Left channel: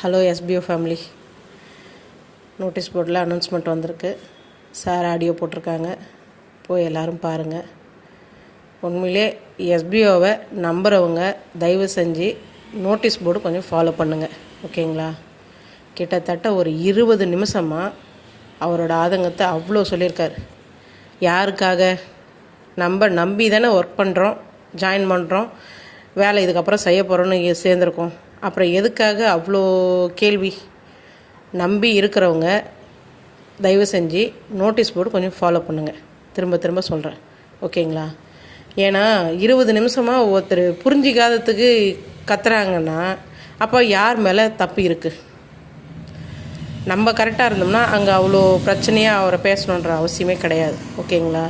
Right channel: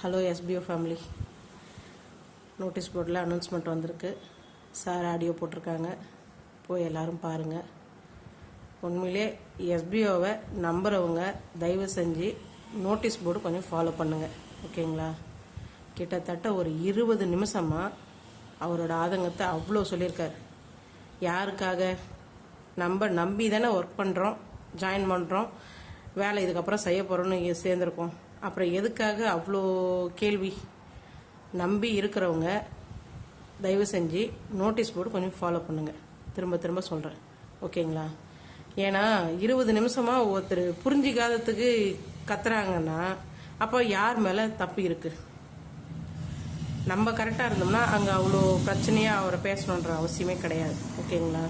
Hello SPO family notice போர்டில் announcement வந்திருக்கு. Sir audio போட்டிருக்காங்க. போய் எல்லோரும் பாருங்கள் உண்மையிலே எஸ்பிஓவை நம்புகிறவங்க தயவு செஞ்சு நோட்டீஸ் போர்டு கொஞ்சம் ஃபாலோ பண்ணுங்கள் ஓகேங்களா? கிட்டத்தட்ட ஒரு இருபது நிமிஷமாக அவரோட ஆதங்கத்தை அவ்வளோ சொல்லியிருக்கார். யாருக்காக? நம்ம நம்பி தானே ஒர்க் பண்ணுறோம் ஜாயின் பண்ணுறோம் வேலை இதுக்கப்புறம் செய்ய போகிறோன்னு சேர்ந்துருக்கோம். அப்புறம் எதுக்காக அவ்வளோ கேள்வி நம்பி இருக்கிறவங்க தயவு செஞ்சு நோட்டீஸ் போர்டு கொஞ்சம் ஃபாலோ பண்ணுங்கள் திரும்ப திரும்ப சொல்கிறேன் ஓகேங்களா? ஏன்னா இருபது நிமிஷமாக ஒருத்தர் புரிஞ்சிக்காததுக்கு கத்துறாங்கன்னா அப்போ யார் மேலே தப்பு இருக்குது நம்ம கரெக்டாக இருந்தோம்னா அங்கே அவ்வளோ பிரச்சனையாக அவரை பேசணுன்ற அவசியமே கிடையாது. ஓகேங்களா?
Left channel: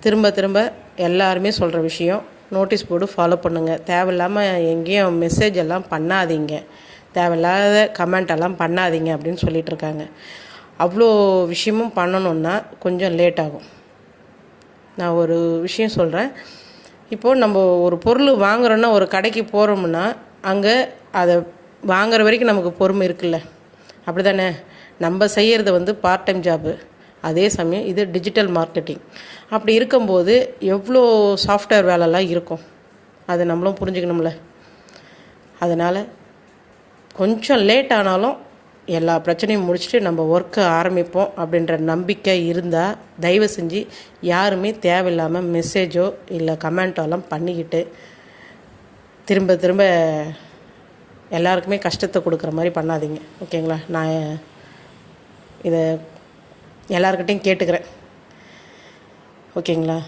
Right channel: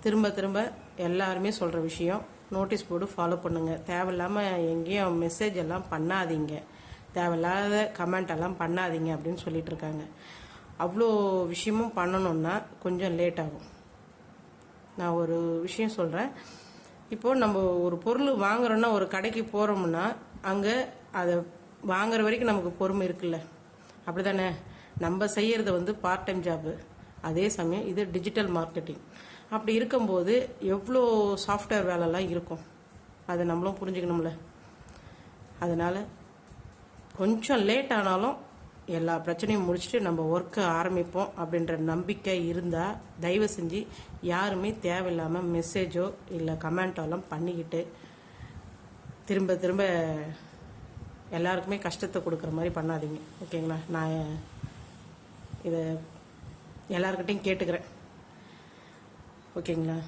திரும்ப திரும்ப எல்லாருமே சொல்கிற விஷயம் நோட்டீஸ் போர்டு ஃபாலோ பண்ணுங்கள் தேவையில்லாமல் எங்கேயும் மெசேஜ் எல்லாம் பண்ணாதீங்க. தேவையில்லாத கமெண்ட் எல்லாம் பண்ணாதீங்க அப்படின்னு சொல்லிட்டு இருக்காங்க. அவ்வளோ விஷயமும் பண்ணணுன்னா கொஞ்சம் லேட் ஆகும். நான் ஒரு விஷயம் சொல்கிறேன் இப்போது நம்ம ஒரு பொருள் வாங்குறோன்னா ஒரு கடைக்கு போகிறோம்னா அங்கே அதை வாங்குற வரைக்கும் நமக்கு பொறுமை இருக்குல்ல. அப்படி தானே நம்ம செய்கிறது வந்து பார்ட் டைம் ஜாபு அதே சமயம் இது டிஜிட்டல் மார்க்கெட்டிங் அப்படி இருக்கும்போது எவ்வளோ சாஃப்ட்வேர் வேலைலாம் இருக்கும்? அதை நம்மளும் புரிஞ்சுக்கணும்ல. அதனால் கொஞ்சம் லேட் ஆனாலும் எல்லா பிரச்சனையும் முடிச்சுட்டு நம்ம ஒர்க்கை ஆரம்பிப்போம் அப்படின்ற நம்பிக்கை இருந்தால் தயவு செஞ்சு யாருமே தேவையில்லாமல் மெசேஜோ இல்லை கமெண்ட்டோலாம் பண்ணிக்கிட்டு திரும்ப திரும்ப எல்லாருக்குமே கஷ்டத்தை கொடுக்குற மாதிரி பண்ணாதீங்க. ஓகேங்களா நான் இதை எல்லாருக்கிட்டையும் கேட்டுக்கிறேன். ஓகேங்களா?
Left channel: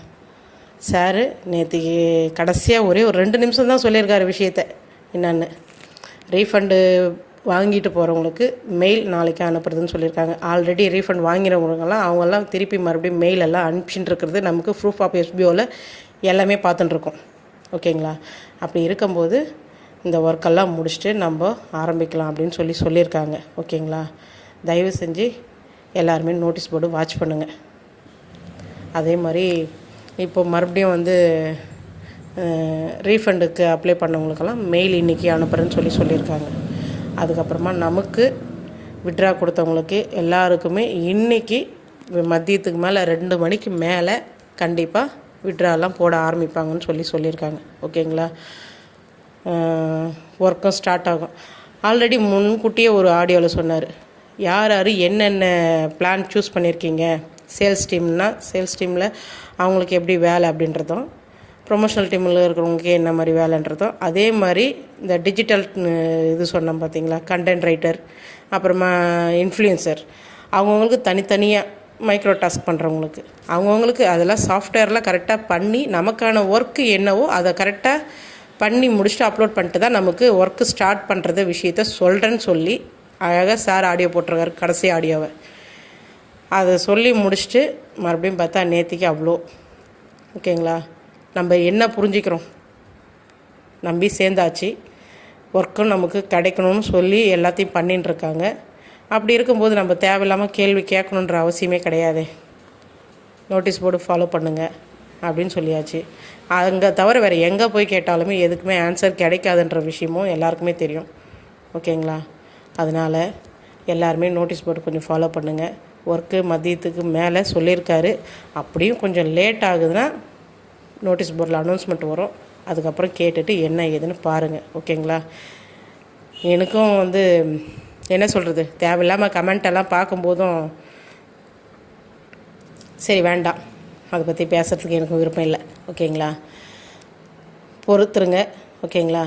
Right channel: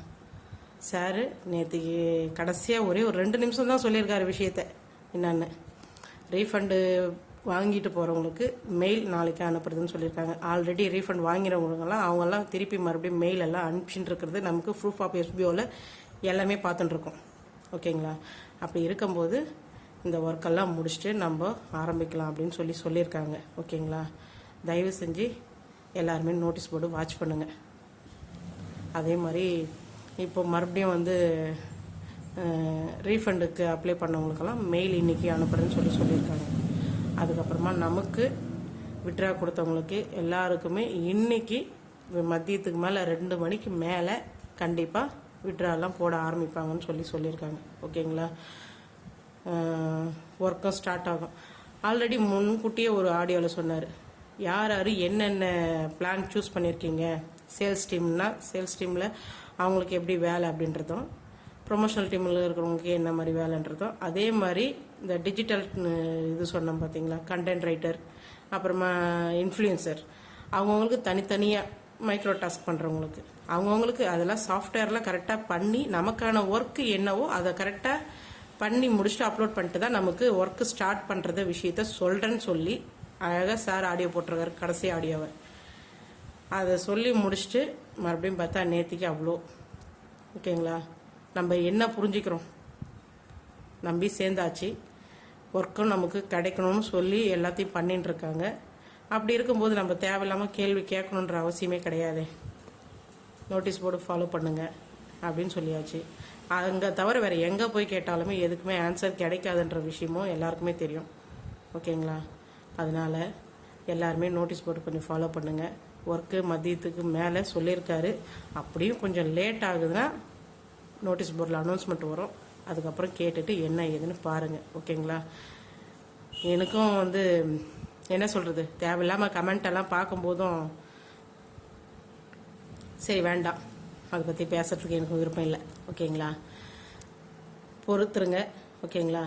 சாரு நேற்றுக்கு கடைசியாக ஒரே ஒரு ரெண்டு நிமிஷம் தான் சொல்லியிருக்காரு விஷயத்த. என்னென்னு? ரீஃபண்டு வாங்கிட்டு போகிறவங்களுக்கு மெயில் நாளைக்கு அனுப்புறதுன்னு சொல்லியிருக்காங்க. ஆல்ரெடி ரீஃபண்ட் வாங்கிறவங்கலாம் அவங்கெல்லாம் திருப்பி மறுபடியும் மெயில் எல்லாம் அனுப்பிச்சிட்டு இருக்கிறது நமக்கு ப்ரூஃப் ஆஃப் எஸ்பிஓவில் எல்லாமே பார்த்துட்டுருக்கோம். ஓகேங்களா? அப்படி இருக்கும்போது இந்த ஒர்க்கெல்லாம் முடிச்சுட்டு நம்ம ஆரம்பிக்கலாம் அப்படின்னு சொல்லி சொல்லியிருக்காங்க. ஓகேங்களா? தயவு செஞ்சு எல்லாருமே நோட்டீஸ் போர்டு வாட்ச் பண்ணுங்கள் அதே மாதிரி இப்போ மறுபடியும் வந்து ரீஃபண்டுக்கு அப்ளை பண்ணவங்களுக்கெல்லாம் மெயில் இன்றைக்கி அனுப்புகிறேன்னு சொல்லி சொல்லியிருக்காங்க. அதுக்கப்புறமா நமக்கு விட்ரா கொடுத்தவங்களுக்கு எல்லாருக்குமே இன்றைக்கி மதியத்துக்கு மேலே ரெண்டு மணிக்கு மேலே கண்டிப்பாக விட்ராலாம் போட ஆரம்பிப்பாங்கன்னு சொல்லி சொல்லியிருக்காங்க. ஓகேங்களா? ஒர்க்கும் ஸ்டார்ட் ஆகும். ஆல்ரெடி முன்கூட்டியே ஒரு ஆடியோவில் சொன்னார். யார் யார் என்னென்ன பிளான் சூஸ் பண்ணியிருக்கீங்க சேல்ஸ் டீம்னா சேல்ஸ் டீமில் அவங்களுக்கு எப்படி வேலை அப்படின்றதும் ப்ரொமோஷனல் டீமில் இருக்கிறவங்களுக்கு என்ன மாதிரி வேலைன்றதும் அதே மாதிரி இந்த டிஜிட்டல் இது சொன்னோம் பார்த்தீங்களா கண்டென்ட் ரைட்டர் அப்புறமா இன்ஃப்ளூயன்சர் அவங்கவுங்களுக்கு தனித்தனியாக மைக்ரோ டாஸ்க் பண்ணுறவங்களுக்கு அவங்கவுங்களுக்கு அதெல்லாம் சாஃப்ட்வேர்லாம் கரெக்டாக பண்ணி நமக்கான ஒர்க்கு என்னவோ அதை கரெக்டாக பண்ணி முடிச்சுட்டு அப்லோட் பண்ணிட்டு தான் நமக்கு ஒர்க்கு ஸ்டார்ட் பண்ணுறது விஷயத்த சொல்கிறேன்னு சொல்லி அழகாக சார் ஆடியோ போட்டிருக்காரு கடைசி ஆடியோவை. அதை சொல்லி முடிச்சுட்டு மறுபடியும் பார்த்தா நேத்திக்கு அவ்வளோ ஓகேங்களா? நம்ம என்ன புரிஞ்சுக்கிறோம்? நம்பி சேர்ந்தாச்சு. ஒர்க்கும் நமக்கு கிடைக்கணும்னு சொல்லி எல்லாத்தையும் பண்ணின்னு இருக்காங்க அப்படி இருக்கும்போது நம்ம தேவையில்லாமல் கேள்வி கேட்கணுன்ற அவசியமே கிடையாது. நோட்டீஸ் போர்டு ஃபாலோ பண்ணுங்கள் அப்படின்னு சொல்லியாச்சு. அங்கே தவிர வேறு எங்கே போய் கேட்டாலுமே எதுக்குமே ஆன்சர் கிடைக்காதுன்ற விஷயமும் எல்லாருக்குமே தெரியும். ஓகேங்களா? அதனால் எல்லாருமே நோட்டீஸ் போர்டு கொஞ்சம் ஃபாலோ பண்ணுங்கள் ஒர்க்கு மதியத்துக்கு மேலே சொல்லியிருக்காரு. அப்படியும் கொஞ்சம் லேட் ஆகுதுன்னா நோட்டீஸ் போர்டில் அனௌன்ஸ்மெண்ட் வரும். அதுக்கப்புறம் கேட்டுட்டு என்ன ஏதுன்னு பாருங்கள் ஓகேங்களா எனக்கும் வந்து என்ன சொல்கிறது தேவையில்லாமல் கமெண்ட் எல்லாம் பார்க்கும்போதும் சரி வேண்டாம். அதை பற்றி பேசுகிறதுக்கு எனக்கு விருப்பம் இல்லை. ஓகேங்களா பொறுத்துருங்க. ஓகேங்களா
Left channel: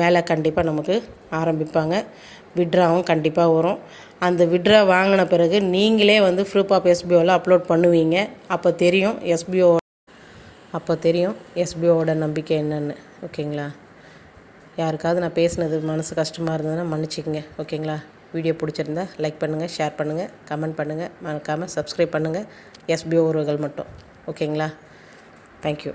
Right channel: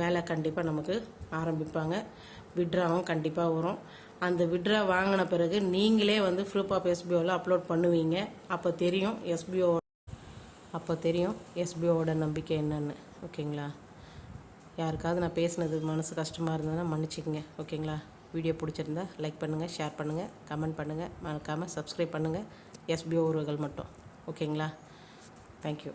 வேலை கண்டிப்பாக நமக்கு ஆரம்பிப்பாங்க. விட்ராவும் கண்டிப்பாக வரும். அந்த விட்ரா வாங்கின பிறகு நீங்களே வந்து ப்ரூஃப் ஆஃப் எஸ்பிஓவில் அப்லோட் பண்ணுவீங்க. அப்போ தெரியும் எஸ்பிஓ அப்போ தெரியும் எஸ்பிஓவோட நம்பிக்கை என்னென்னு. ஓகேங்களா? யாருக்காவது நான் பேசினது மனசு கஷ்டமாக இருந்ததுன்னா மன்னிச்சிக்கங்க. ஓகேங்களா? வீடியோ பிடிச்சிருந்தா லைக் பண்ணுங்கள் ஷேர் பண்ணுங்கள் கமெண்ட் பண்ணுங்கள் மறக்காமல் சப்ஸ்கிரைப் பண்ணுங்கள் எஸ்பிஓ உறவுகள் மட்டும். ஓகேங்களா? தேங்க்யூ